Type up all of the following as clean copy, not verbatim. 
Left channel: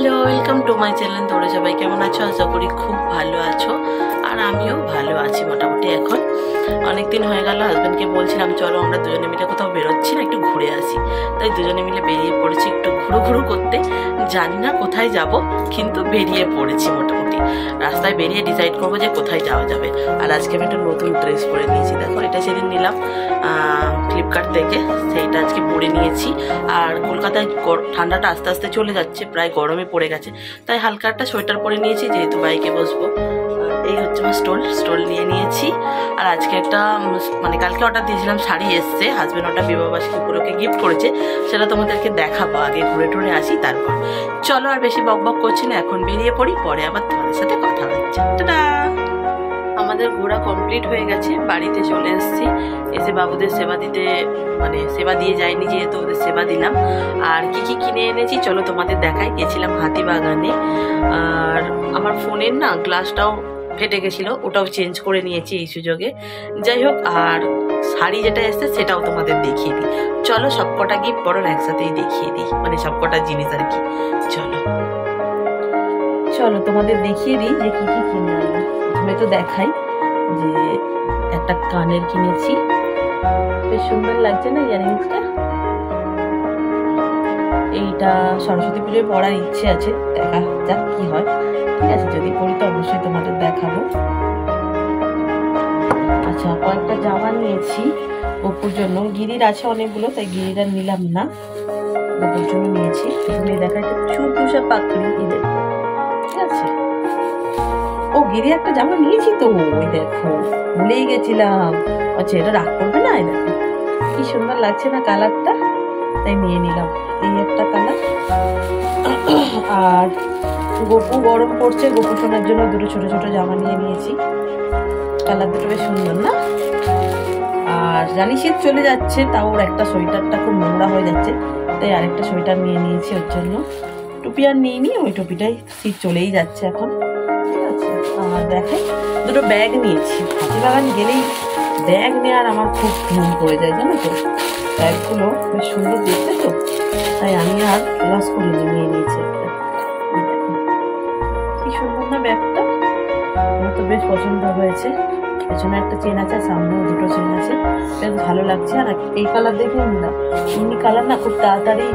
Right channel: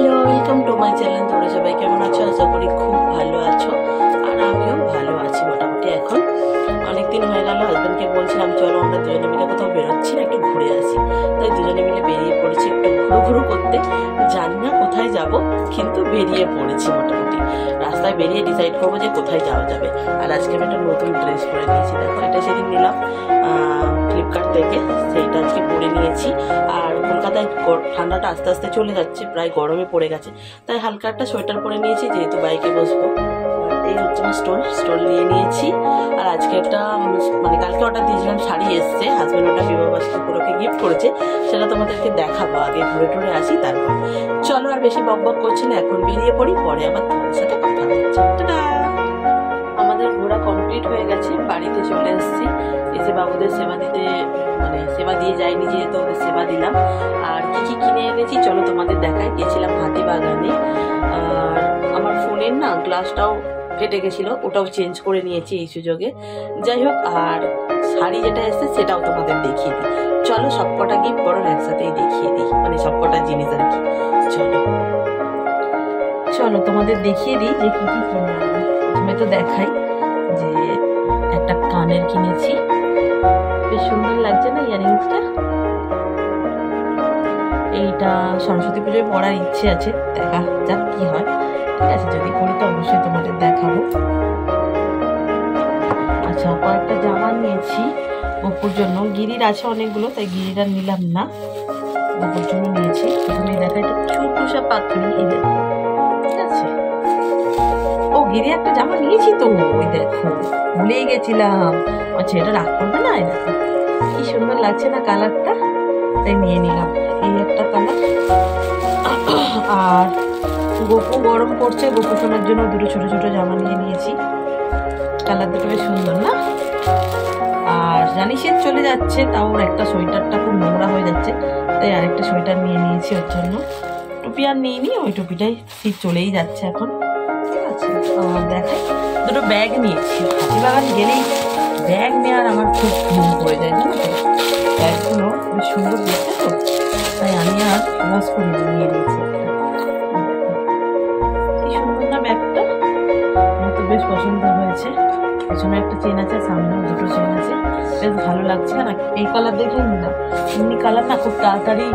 Hello, welcome to my channel. তোমরা সবাই কেমন আছো? আশা করি খুব ভালো আছো, আর আমিও ভালো আছি মোটামুটি। এখন অনেক দিন হয়ে গেল, হাজব্যান্ডকে বলছিলাম চলো আমরা দুজনে মিলে কোথাও বেরোচ্ছি না, একটু ঘুরে আসি। তাই দুজনে মিলে বেরিয়ে পড়েছি একটু ঘুরু করতে। জানি না কোথায় যাব, কিন্তু বেরিয়ে পড়েছি মোটামুটি। রাস্তায় বেরিয়ে ডিসাইড করবো যে কোথায় যাওয়া যাবে। আর আজকে আমি একটা নতুন ড্রেস পরে নিয়েছি, দেখো এটা সেদিন নিলাম ফ্লিপকার্ট থেকে, সেইটা আজকে পরে নিয়েছি। আর কলকাতায় ঠান্ডাটা আস্তে আস্তে চলে যাচ্ছে, প্রায় গরমে পড়ে গেছে, তাই হালকা একটা সোয়েটার পরে নিয়েছি, যেহেতু বাইকে বসবো। এই হচ্ছে আমার স্টোল নিয়ে নিয়েছি। আর আজকে একটা মানে কালকে অর্ডার দিয়েছিলাম, শাড়ি এসছে, হাজব্যান্ড ওটা বিবাহবার্ষিকী উপলক্ষে গিফট করেছে, সেটা তোমাদেরকে দেখাবো। আগে ঘুরে টুরে আসি, তারপর চলো আর বেশি বক করছি না, এখন বেরিয়ে পড়ি, পরে আবার তোমাদের সাথে কথা হচ্ছে। টাটা। আমাদের ঘোরা কমপ্লিট হয়ে গেছে, বাড়িতে চলে এসেছি। এসে বাবুদের সেবা দিতে, মানে সেবা দিয়ে যাইনি যেহেতু, ওদের সেবা দিলাম। আর কি কি কিনে এনেছি চলো তোমাদের দেখাই। গেছিলাম হাতিবাগানে, আর আমার ফোনের না গ্লাসটাও ফেটে গেছিলো, ওটাও চেঞ্জ করে নিয়েছি এই সুযোগে। যাই হোক, আর শাড়ি যেটা এসছে সেটাও তোমাদের দেখিয়ে দিই। চলো সবকটা গিফট বরং একসাথেই দেখিয়ে দিই, মানে সবকটা জিনিস আর কি। চলো চলো তোমাদের দেখিয়ে দিই যে কি কি কিনে আনলাম। প্রথমে তো দেখাই যে একটা কানের কিনেছি, বেশ সুন্দর লাগছে না ইয়ারিংসটা। এইটা সরস্বতী পুজোয় পরার ইচ্ছে আছে, দেখা যাক কি হয়। ঠিক আছে, যদি পরি তো অবশ্যই তোমাদের দেখাবো। আচ্ছা, কয়েকটা জামা নিয়েছি গপুর জন্য। গিরির আছে অনেকগুলো, তাই গিরিটা নিলাম না, গপুর জন্য নিয়েছি। প্রথমে দেখা এটা চুরটুসা পাকড়ি, এদের ঠিক আছে। ও গিরি একটা জামা নিয়েছি তো, ওই দেখো ভুলেই গেছিলাম। আচ্ছা, এটা রাগ করবে না? এই দেখো কি সুন্দর লাগছে না কালারটা, তাই নিয়ে নিলাম। এই একটা কালার। আর গপু গরম পড়ছে, গপু সোনার জন্য দুটো ছোট ছোট জামা নিয়ে নিয়েছি। কালার দুটো বেশ সুন্দর না? আর জানি শীত চলে যাচ্ছে, তাও ওর একটা সোয়েটারটা খুব নোংরা হয়ে যাচ্ছে, তাই আরেকটা সোয়েটার নিয়ে নিয়েছি ওর জন্য। টুপি আর নিইনি, ওই টুপিটাই শীত চলেই যাচ্ছে এখন। ঠিক আছে, আর দেখাই দুটো ব্যাগ নিয়েছি। হাতিবাগান গেলেই ব্যাগ নেওয়ার আমার খুব ঘুম পড়ে যায়, জানো তো। ব্যাগগুলো বেশ সুন্দর দেখতে তো, তাই আমি আর ক্লাস করিনি, নিয়ে নিয়েছি একটা। কি সুন্দর না ব্যাগটা, আমার তো বেশ পছন্দ হয়েছে। পেছনে একটা চেন আছে, সামনেও দুটো চেন আছে, বেশ ভালো লাগছে। আর এই কালার দেখে নিলাম, এমনি কালার না খুব তাড়াতাড়ি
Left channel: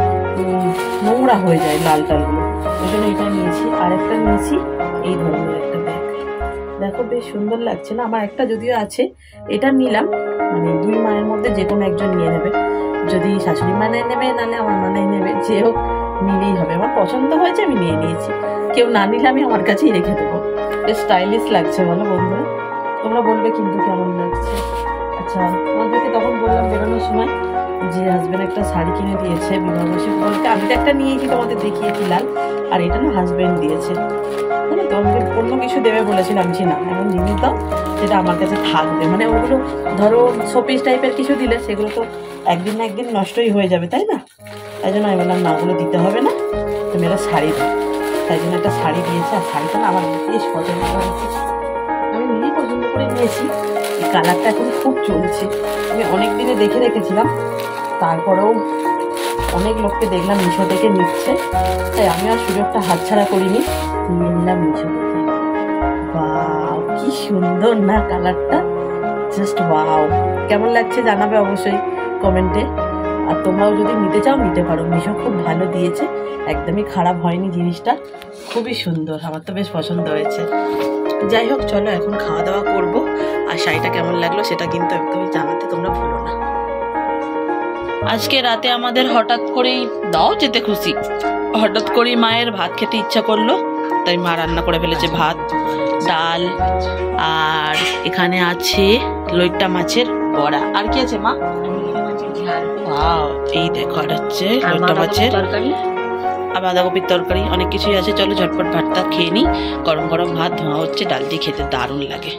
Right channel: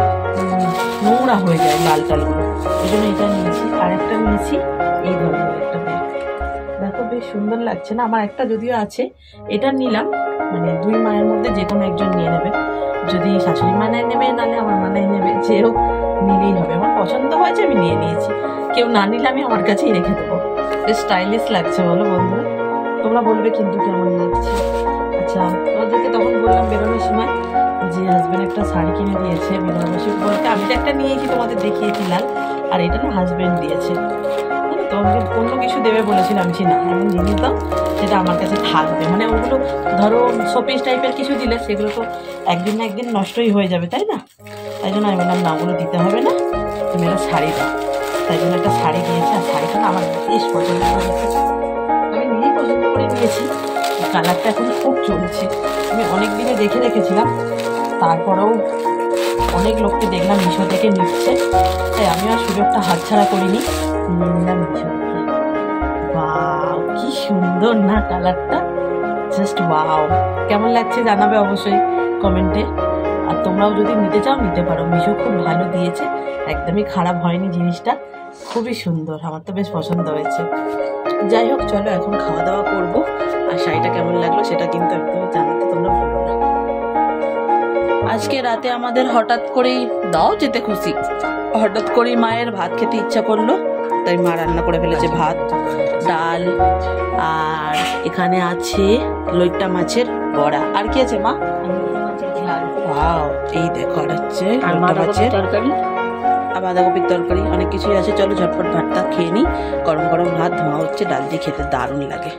নোংরা হয়ে যায় লাল টালগুলো, ওই জন্য এটা নিয়েছি। আর একটা নিয়েছি এই ধরনের একটা ব্যাগ, দেখো বেশ সুন্দর লাগছে না? আমার একটা যদিও আছে, এটা নিলাম, মানে দুই মায়ের মধ্যে যে কোনো একজন নিয়ে নেবে। যদি শাশুড়ি মানায় নেবে, নাহলে আমার মানায় নেবে, যে হোক নিলেই হবে। আমার পছন্দ হয়েছে, আমি নিয়ে নিয়েছি। কেউ না নিলে আমি আমার কাছেই রেখে দেবো। বেশ স্টাইলিশ লাগছে, বলো বন্ধুরা? তোমরা বলবে কিন্তু কেমন লাগছে। আচ্ছা, তোমাদেরকে তখন বললাম বেরোনোর সময় যে হাজব্যান্ড একটা শাড়ি কিনে দিয়েছে বিবাহবার্ষিকী বলতে। আমি তো একটা নিয়েছি, তোমাদের দেখিয়েছি লাল, আর এটা না হাজব্যান্ড দিয়েছে। জানো তো, আমাকে অন্য কিছু দেবে বলেছিল, আমি না এমন জিনিস দাও সেটা আমার কাছে থাকবে। মানে ওগুলো ধরো শোপিস টাইপের কিছু দিলে সেগুলো তো একদিন না একদিন নষ্টই হয়ে যাবে, তাই না? তাই জন্য আমি বললাম না, ওগুলো দিতে হবে না, তুমি একটা শাড়ি দাও। তাই জন্য একটা শাড়ি দিয়েছে। আর শাড়িটা না আমার বেশ পছন্দ হয়েছে, আমি নিজেই পছন্দ করে নিয়েছি। এই কালারটা এখন খুব চলছে, আমি অনেক দিনে দেখে রেখেছিলাম, তারপরেও অনেক লোককে দেখলাম মিশো থেকে নিচ্ছে, তাই আমি আর সুযোগটা হাতছাড়া করিনি, নিয়ে নিলাম মিশো থেকে। ওয়াও, কি সুন্দর না কালারটা, জাস্ট ওয়াও। কেমন লাগছে জানাবে অবশ্যই কমেন্টে। আর তোমরাও যদি নিতে চাও নিতে পারো, মিশো খুব ভালো দিয়েছে, একদমই খারাপ হয়নি জিনিসটা, খুবই সুন্দর, আমার তো বেশ পছন্দ হয়েছে। যাই হোক, চলো এখন খাওয়া দাওয়া করবো। আর শাড়িটা কেমন লাগলো সেটা কিন্তু একদমই জানাতে তোমরা ভুলো না। আজকে রাতে আমাদের হঠাৎ করেই, দাও যেতে খুশি, হঠাৎ করেই মায়ের ভাত খেতে ইচ্ছা করলো, তাই মা রান্না করে ফেলেছে ভাত, ডাল, আর এখানে আছে লইট্টা মাছের বড়া। আর কি আছে মা? ওয়াও, এই দেখো, আর হচ্ছে লইট্টা মাছের তরকারি, আর বাঁধাকপির তরকারি, অনেক কিছুই আছে। চলো ঝটপট ভাতটা খেয়ে নিই। গরম গরম ভাত ধোঁয়া হচ্ছে, ডাল দিয়ে খেতে দারুণ লাগে,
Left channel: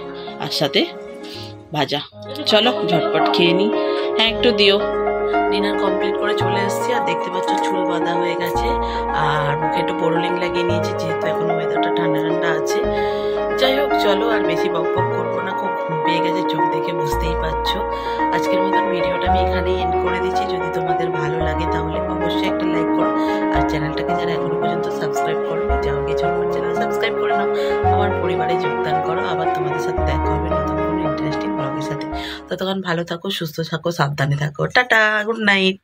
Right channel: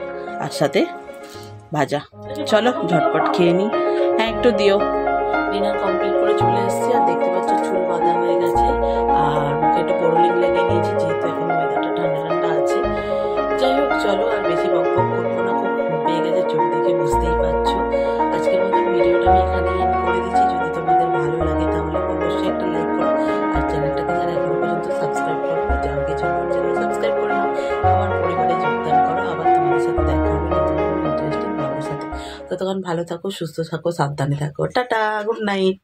আর সাথে ভাজা। চলো ঝটপট খেয়ে নিই। হ্যাঁ, একটু দিও। ডিনার কমপ্লিট করে চলে এসেছি, আর দেখতে পাচ্ছ চুল বাঁধা হয়ে গেছে, আর মুখে একটু বোরোলিং লাগিয়ে নিয়েছি, যেহেতু এখন ওয়েদারটা ঠান্ডা ঠান্ডা আছে। যাই হোক, চলো আর বেশি বক করবো না, খুব ঘুম পেয়ে গেছে। মেয়েদের চোখ দেখে বুঝতেই পারছো। আজকের মতন ভিডিওটা আমি এখানেই এন্ড করে দিচ্ছি। যদি তোমাদের ভালো লাগে তাহলে অবশ্যই একটা লাইক করো, আর চ্যানেলটাকে যারা এখনো পর্যন্ত সাবস্ক্রাইব করোনি যাও গিয়ে ঝটপট চ্যানেল সাবস্ক্রাইব করে নাও, আমার পরিবারে যোগদান করো। আবার তোমাদের সাথে দেখা হবে নতুন কোনো ইন্টারেস্টিং ব্লগের সাথে। ততক্ষণ ভালো থাকো, সুস্থ থাকো, সাবধানে থাকো। Tata, good night.